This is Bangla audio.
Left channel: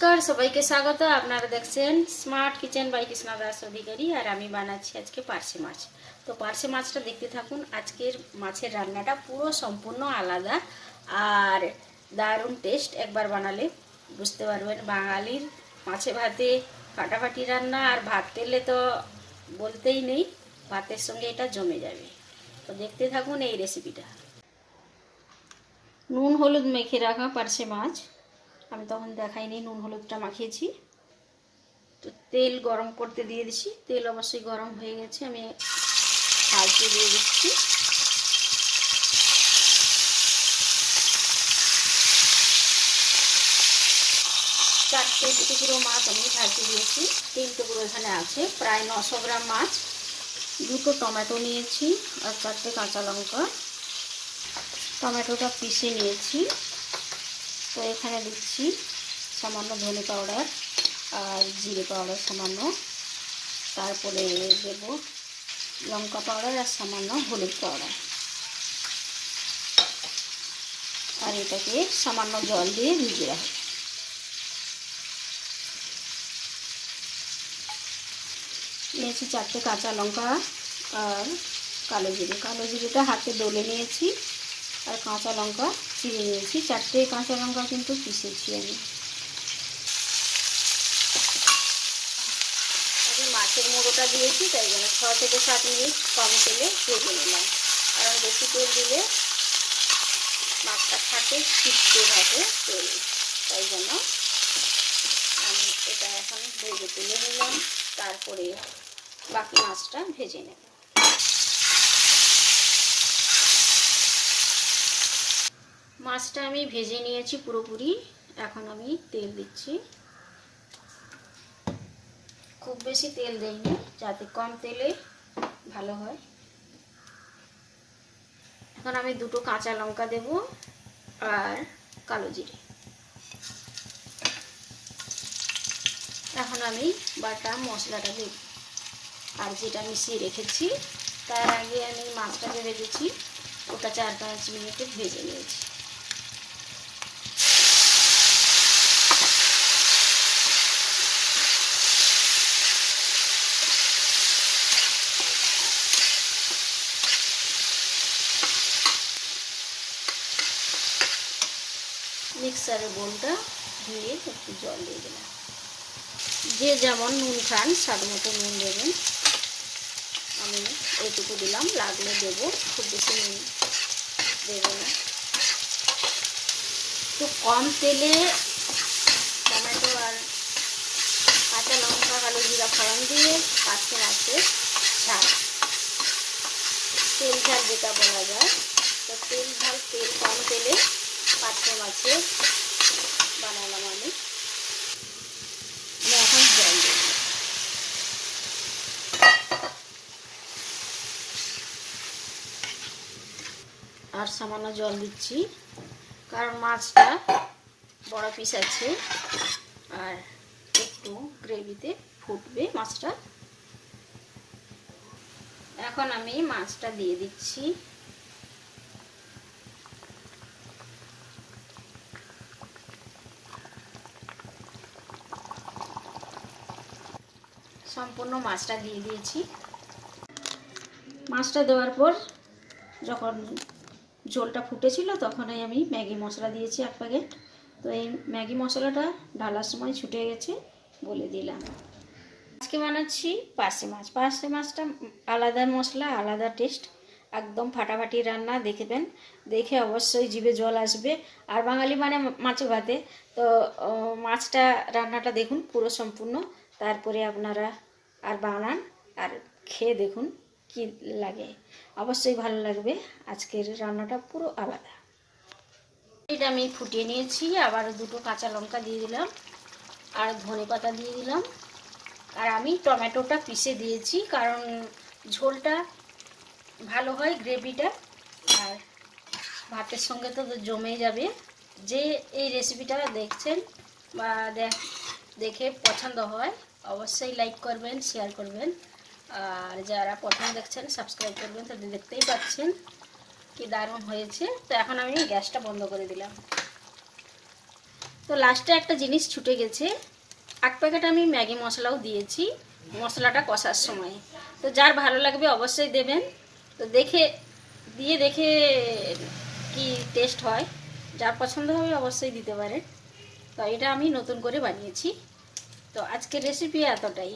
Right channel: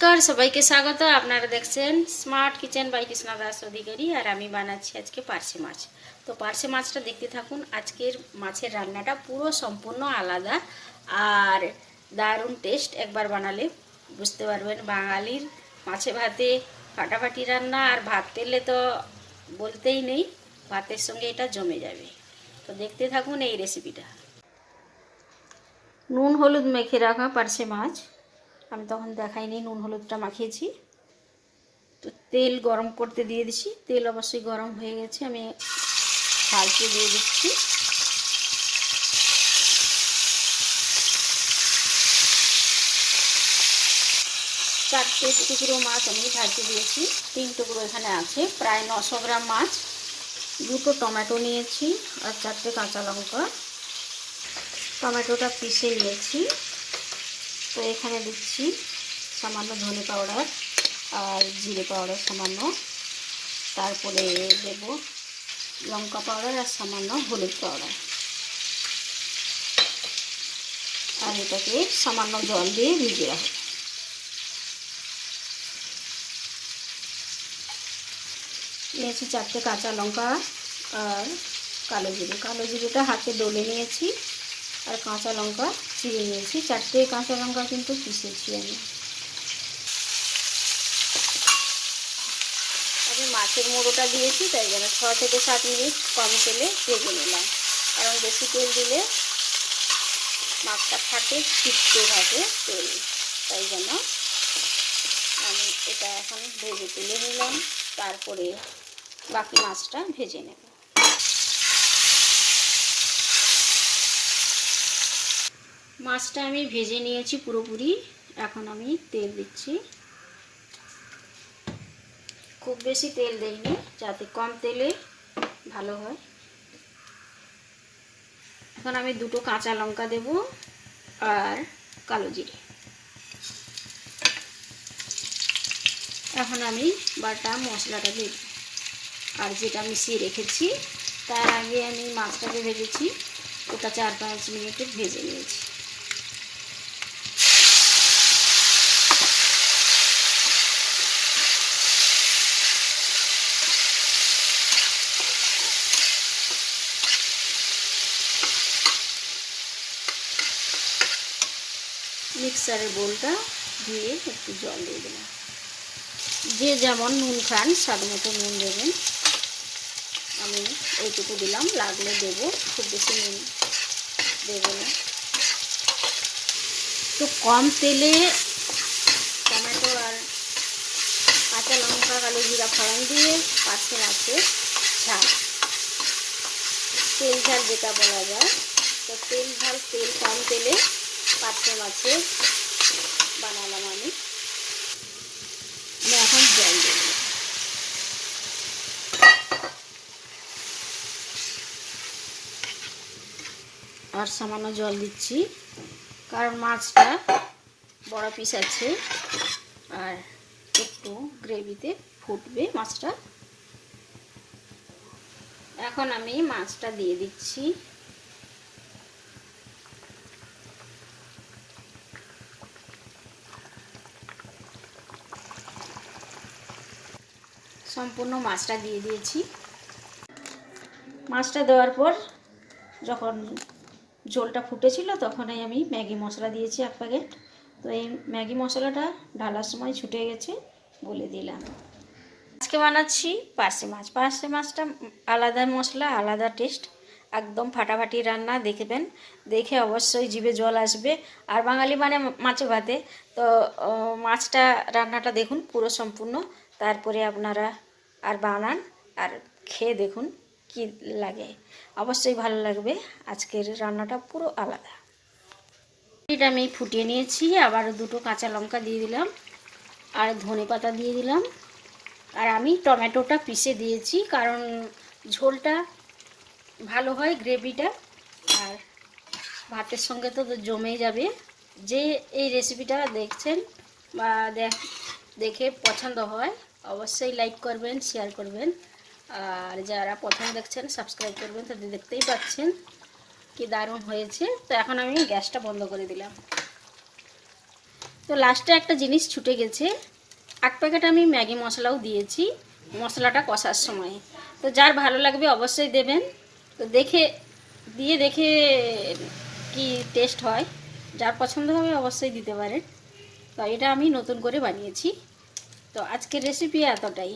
নমস্কার, সবাইকে স্বাগত। আপনারা দেখছেন smart kitchen by Krishna Das Adhikari আর আমি বানাচ্ছি আজকে পার্শে মাছ। তো পার্শে মাছটা দেখতে থাকুন, আজকের মাছের রান্নাটা পুরো সম্পূর্ণ আলাদা আর দারুণ টেস্ট একবার বানালে বুঝতে পারবেন বাঙালির মাছে ভাতে ফাটাফাটি রান্না আর ভাত তেলে তো বলতেই নেই, ভাতের সঙ্গে এটা জমে যাবে। তো দেখতে থাকুন এই রেসিপিটা নুন, হলুদ মেখে রাখা পার্শে মাছ। আমি তখন দেখাইনি নুন হলুদটা মাখিয়েছি। তো তেল গরম করতে দিয়ে দিচ্ছি তেল অবশ্যই গরম হয়ে গেছে, আমি পাল্টে দিয়ে দিচ্ছি। চারটে টুকরো মাছ আমি ভাজতে দিয়েছি, তিন টুকরো এখানে আছে, প্রায় নশো গ্রাম মাছ। দুটো টমেটো নিয়েছি আর চারটে কাঁচা লঙ্কা। টমেটোটা পিষে নিয়েছি। তো এখানে দিচ্ছি সামান্য ধনে পাউডার আর জিরে পাউডার সামান্য। তারপরে দেব লঙ্কা পাউডার আর সামান্য হলুদ পাউডার। আর এটাকে সামান্য জল দিয়ে ভিজে রাখব। নিয়েছি চারটে কাঁচা লঙ্কা আর কালো জিরে। কালো জিরেটা হাতে দলে নিয়েছি। আর কাঁচা লঙ্কা চিড়ে নিয়েছি। চারটে কাঁচা লঙ্কা কিন্তু পিষেছি আমি। আমি মাছের মুড়োটা দিয়েছি, তাই জন্য ছ থেকে সাত মিনিট কম তেলে ভেজে নিলাম। আর বেশি তেল দিলে মাছটা থাকে ছিটতে থাকে তেল। তাই জন্য আমি এটা এখন ভেজে তুলে নিলাম। তারপরে বাকি মাছটা ভেজে নেব। মাছটা আমি ভেজে নিয়েছি পুরোপুরি। এখন আমি তেল দিচ্ছি। খুব বেশি তেল দেইনি, যাতে কম তেলে ভালো হয়। এখন আমি দুটো কাঁচা লঙ্কা দেব আর কালো জিরে। এখন আমি বাটা মশলাটা দেব। আর যেটা মিশিয়ে রেখেছি, তার আগে আমি মাছটাকে ভেজেছি। ওটা চার পাঁচ মিনিটে ভেজে নিয়েছি। মিক্সারের বোলটা দিয়ে একটু জল দিয়ে দিলাম। যে যেমন নুন খান স্বাদ মতো নুন দেবেন। আমি ওইটুকু দিলাম, লাগলে দেবো, খুব বেশি নুন দেবো না। তো কম তেলে টমেটো আর কাঁচা লঙ্কা, কালো জিরা ফোড়ন দিয়ে পাঁচশো মাছের ঝাল। তেল ঝাল যেটা বলা যায় তো তেল ঝাল তেল কম তেলে পাঁচশো মাছের বানালাম আমি আমি এখন জল দেব আর সামান্য জল দিচ্ছি, কারণ মাছটা বড় পিস আছে আর একটু গ্রেভিতে ফুটবে মাছটা। এখন আমি মাছটা দিয়ে দিচ্ছি। সম্পূর্ণ মাছটা দিয়ে দিয়েছি। মাছটা দেওয়ার পর যখন ঝোলটা ফুটেছিল, তখনই আমি ম্যাগি মশলা দিয়েছি এক প্যাকেট। তো এই ম্যাগি মশলাটা ঢালার সময় ছুটে গেছে, বলে দিলাম। আজকে বানাচ্ছি পার্সে মাছ। পার্সে মাছটা আলাদা মশলা, আলাদা টেস্ট, একদম ফাটাফাটি রান্না, দেখবেন। দেখে অবশ্যই জিভে জল আসবে। আর বাঙালি মানে মাছে ভাতে। তো মাছটা, রান্নাটা দেখুন পুরো সম্পূর্ণ। তারপরে আপনারা আর বানান আর খেয়ে দেখুন। কি লাগে? অবশ্যই ভালো লাগবে। আজকের রান্নাটা পুরো আলাদা। এটা আমি ফুটিয়ে নিয়েছি আবার দুটো কাঁচা লঙ্কা দিয়ে দিলাম, আর ধনে পাতা দিয়ে দিলাম। আর আমি টমেটোটা পিষে দিয়েছি, কারণ ঝোলটা ভালো হয় গ্রেভিটা, আর ভাতের সঙ্গে তো জমে যাবে। যে এই রেসিপিটা দেখছেন বা দেখ পছন্দ হয়, অবশ্যই লাইক করবেন শেয়ার করবেন। আর যারা প্রথম দেখছেন সাবস্ক্রাইব করবেন তো দেখতেই পাচ্ছেন কি দারুণ হয়েছে। তো এখন আমি গ্যাসটা বন্ধ করে দিলাম। তো লাস্টে একটা জিনিস ছুটে গেছে। এক প্যাকেট আমি ম্যাগি মশলাও দিয়েছি, মশলাটা কষার সময়। তো যার ভালো লাগবে অবশ্যই দেবেন। তো দেখে, দিয়ে দেখে কি টেস্ট হয়। যার পছন্দ হবে অবশ্যই দিতে পারেন। তো এটা আমি নতুন করে বানিয়েছি। তো আজকের রেসিপি এতটাই।